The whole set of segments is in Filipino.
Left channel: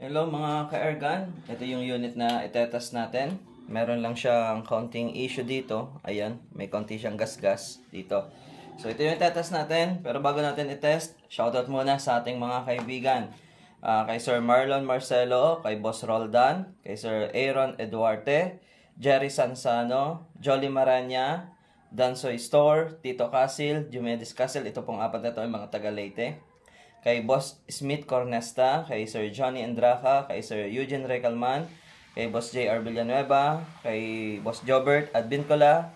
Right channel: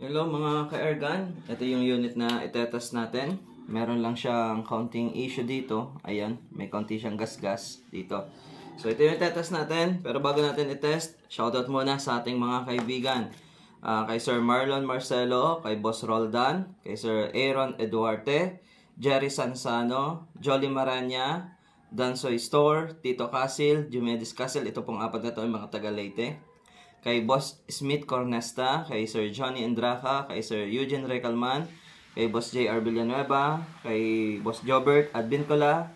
Hello mga ka-airgun, ito yung unit na itetest natin. Meron lang siyang counting issue dito. Ayan, may konti siyang gas-gas dito. So ito yung itetest natin, pero bago natin itest, shoutout muna sa ating mga kaibigan. Kay Sir Marlon Marcelo, kay Boss Roldan, kay Sir Aaron Eduarte, Jerry Sansano, Jolly Maranya, Dansoy Store, Tito Casil, Jumedis Casil. Ito pong apat na ito yung mga taga Leyte. Kay Boss Smith Cornesta, kay Sir Johnny Endraca, kay Sir Eugene Recalman, kay Boss J.R. Villanueva, kay Boss Jobert Advincola,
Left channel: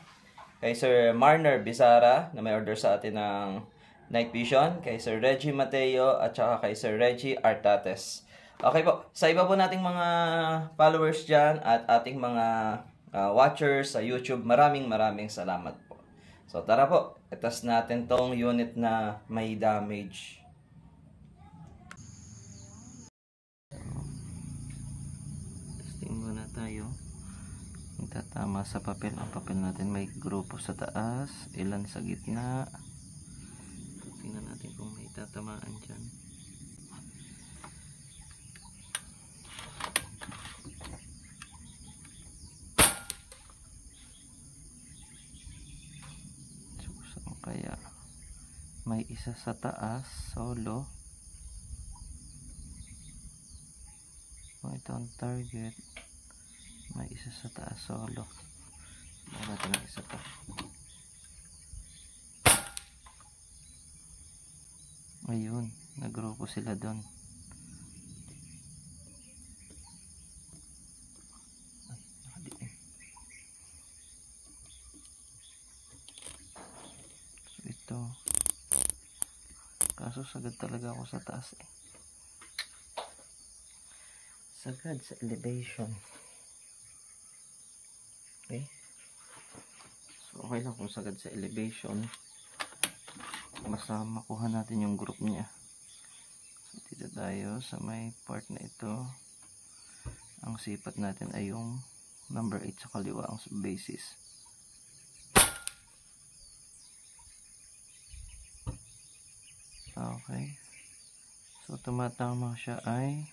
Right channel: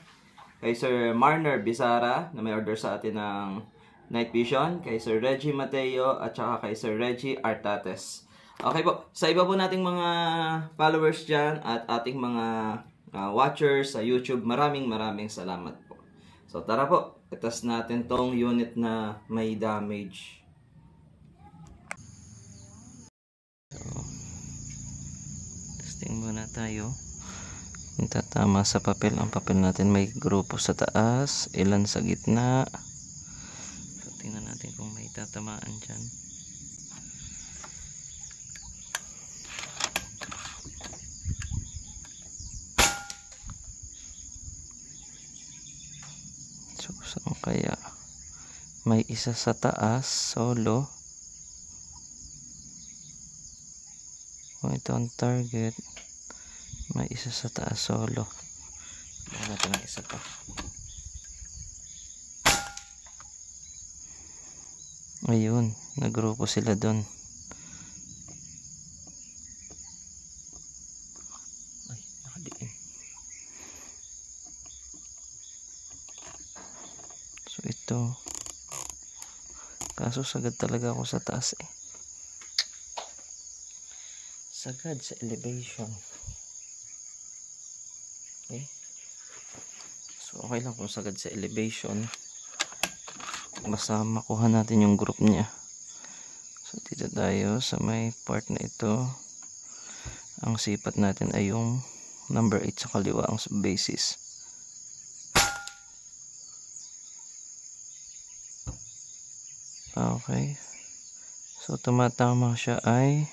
kay Sir Marner Bizarra na may order sa atin ng night vision, kay Sir Reggie Mateo, at saka kay Sir Reggie Artates. Okay po, sa iba po nating mga followers dyan at ating mga watchers sa YouTube, maraming salamat po. So tara po, itest natin tong unit na may damage. Testing muna tayo. Itatama sa papel. Ang papel natin may grupo sa taas, ilan sa gitna. So, tingnan natin kung may tatamaan dyan. So, saan kaya? May isa sa taas, solo. Kung ito ang target, may isa sa taas solo. Bigyan natin ng isa pa. Ayun, nagrupo sila doon. Ay, nakadiin. So ito, kaso sagad talaga ako sa taas eh. Sagad sa elevation. Okay. So okay lang kung sagad sa elevation. Basta makuha natin yung group niya. So dito tayo sa may part na ito. Ang sipat natin ay yung number 8 sa kaliwa ang basis. Okay. So tumatama siya ay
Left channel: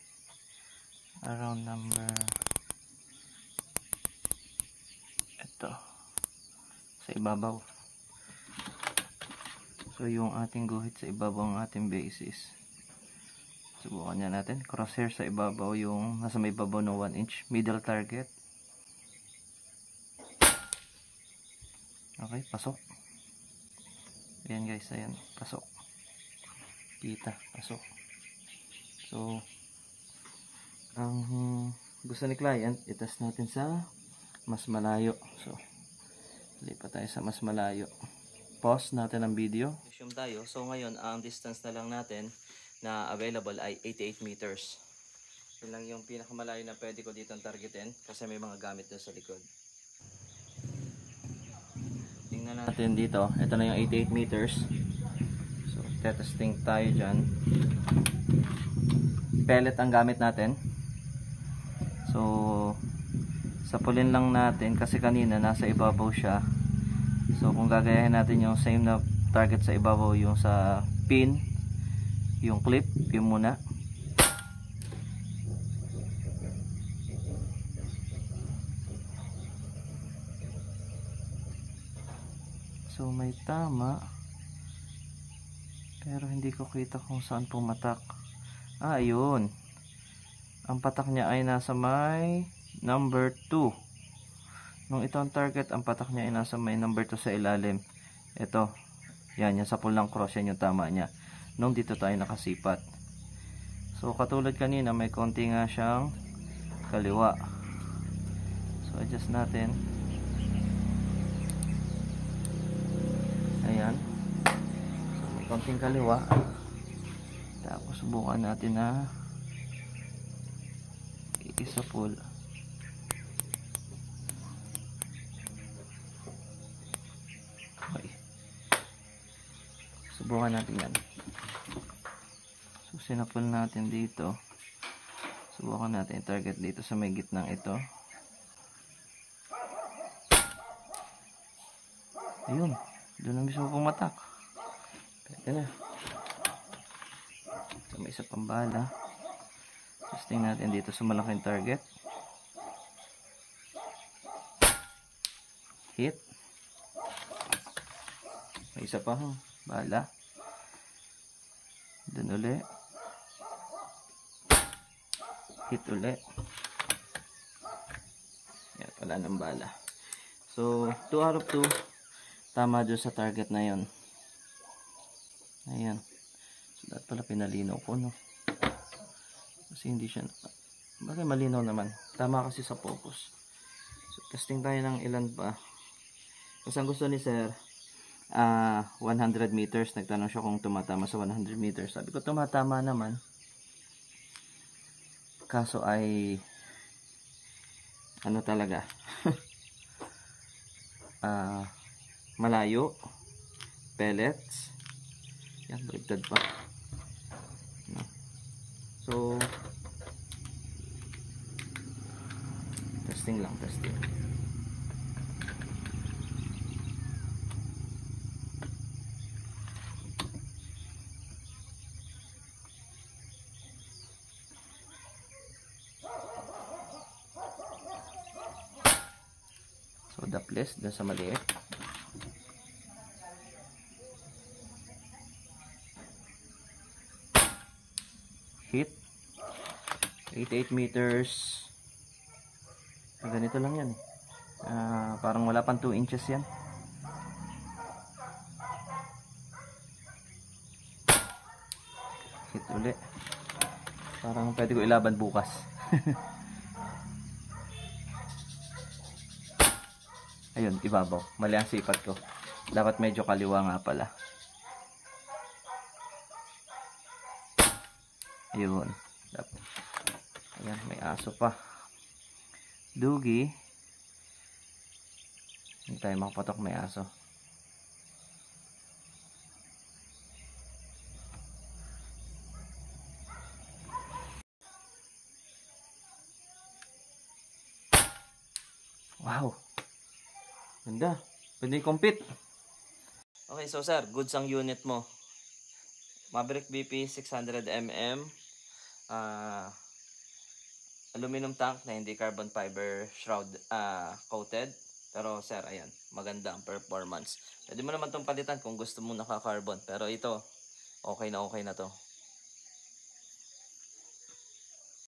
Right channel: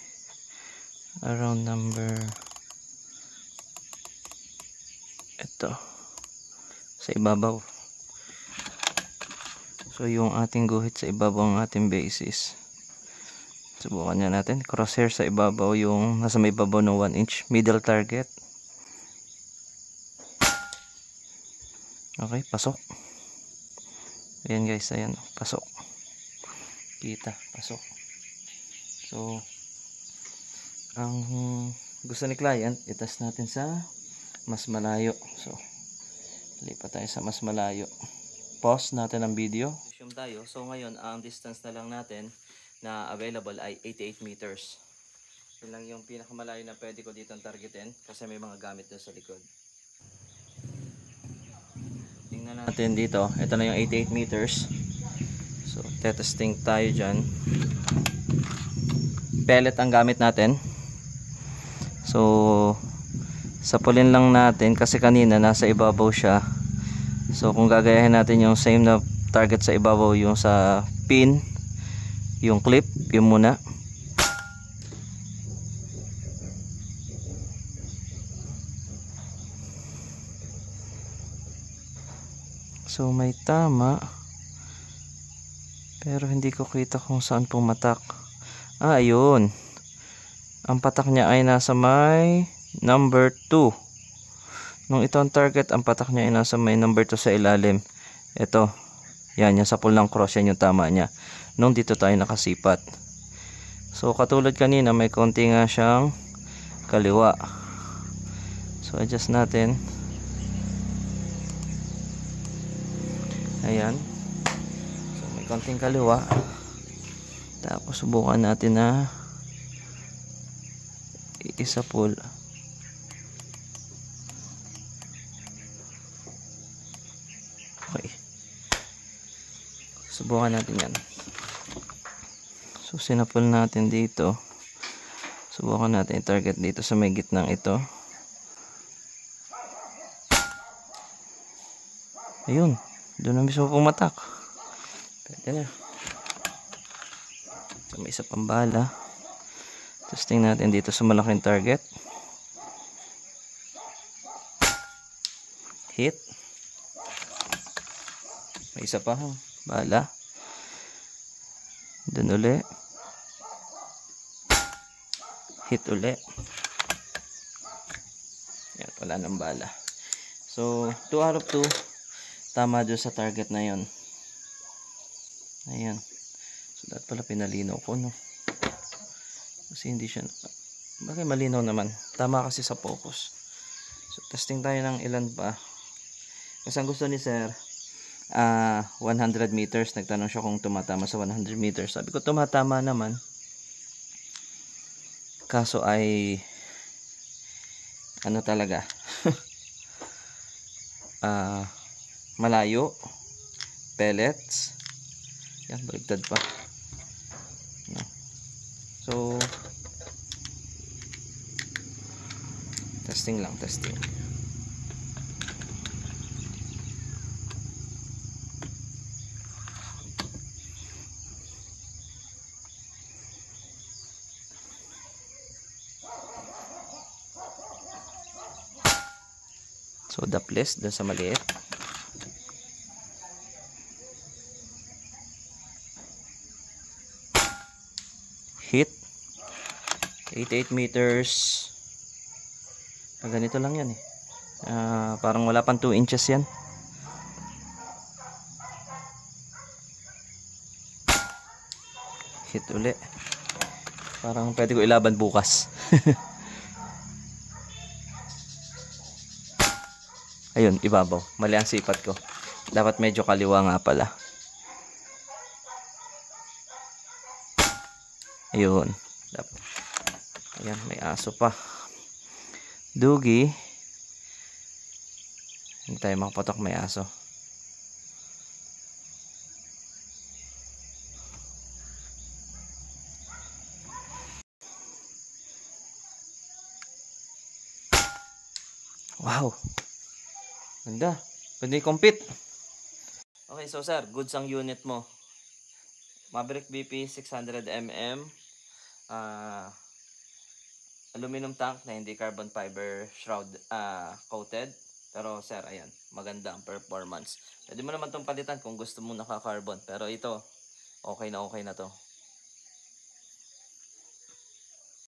around number ito sa ibabaw. So yung ating guhit sa ibabaw ang ating basis. Subukan niya natin. Crosshair sa ibabaw, yung nasa may ibabaw ng 1 inch. Middle target. Okay, pasok. Ayan guys, ayan, pasok. Kita, pasok. So ang gusto ni client, itest natin sa mas malayo. So lipat tayo sa mas malayo. Pause natin ang video. Zoom tayo. So ngayon, ang distance na lang natin na available ay 88 meters. Yun lang yung pinakamalayo na pwede ko dito targetin kasi may mga gamit doon sa likod. Tingnan natin dito. Ito na yung 88 meters. So testing tayo dyan. Pellet ang gamit natin. So sapulin lang natin kasi kanina nasa ibabaw siya. So kung gagayahin natin yung same na target sa ibabaw, yung sa pin, yung clip, yung muna. So may tama, pero hindi ko kita kung saan pumatak. Ayun. Ang patak niya ay nasa may number 2. Nung ito ang target, ang patak niya ay nasa may number 2 sa ilalim. Ito. Yan, yung sa pulang cross, yan yung tama niya. Nung dito tayo nakasipat. So, katulad kanina, may konti nga siyang kaliwa. So, adjust natin. Ayan. So, may konting kaliwa. Tapos, subukan natin na isa pull. Okay. Subukan natin yan. So sinapul natin dito. Subukan natin i-target dito sa may gitnang ito. Ayun. Doon na mismo pumatak. Pwede na. So may isa pang bala. Testing natin dito sa malaking target. Hit. May isa pa, bala. Doon uli. Hit uli. Yan, wala nang bala. So 2 out of 2 tama doon sa target na yon. Ayan. So dapat pala pinalinaw ko, no? Kasi hindi siya, bakit malinaw naman, tama kasi sa focus. So testing tayo ng ilan pa. Kasi ang gusto ni sir 100 meters. Nagtanong siya kung tumatama sa 100 meters. Sabi ko tumatama naman, kaso ay ano talaga malayo, pellets. Yan, baligtad pa. So testing lang, testing. So dapless dun sa maliit. Hit 88 meters. Ganito lang yan eh. Parang wala pang 2 inches yan. Hit uli. Parang pwede ko ilaban bukas. Ayun, ibabaw. Mali ang sipat ko. Dapat medyo kaliwa nga pala. Ayun. Ayan, may aso pa. Dugi. Hindi tayo makapatok, may aso. Wow. Ganda. Pwede compete. Okay, so sir, goods ang unit mo. Maverick BP 600mm. Aluminum tank na hindi carbon fiber shroud coated. Pero sir, ayan, maganda ang performance. Pwede mo naman itong palitan kung gusto mo naka-carbon. Pero ito, okay na to.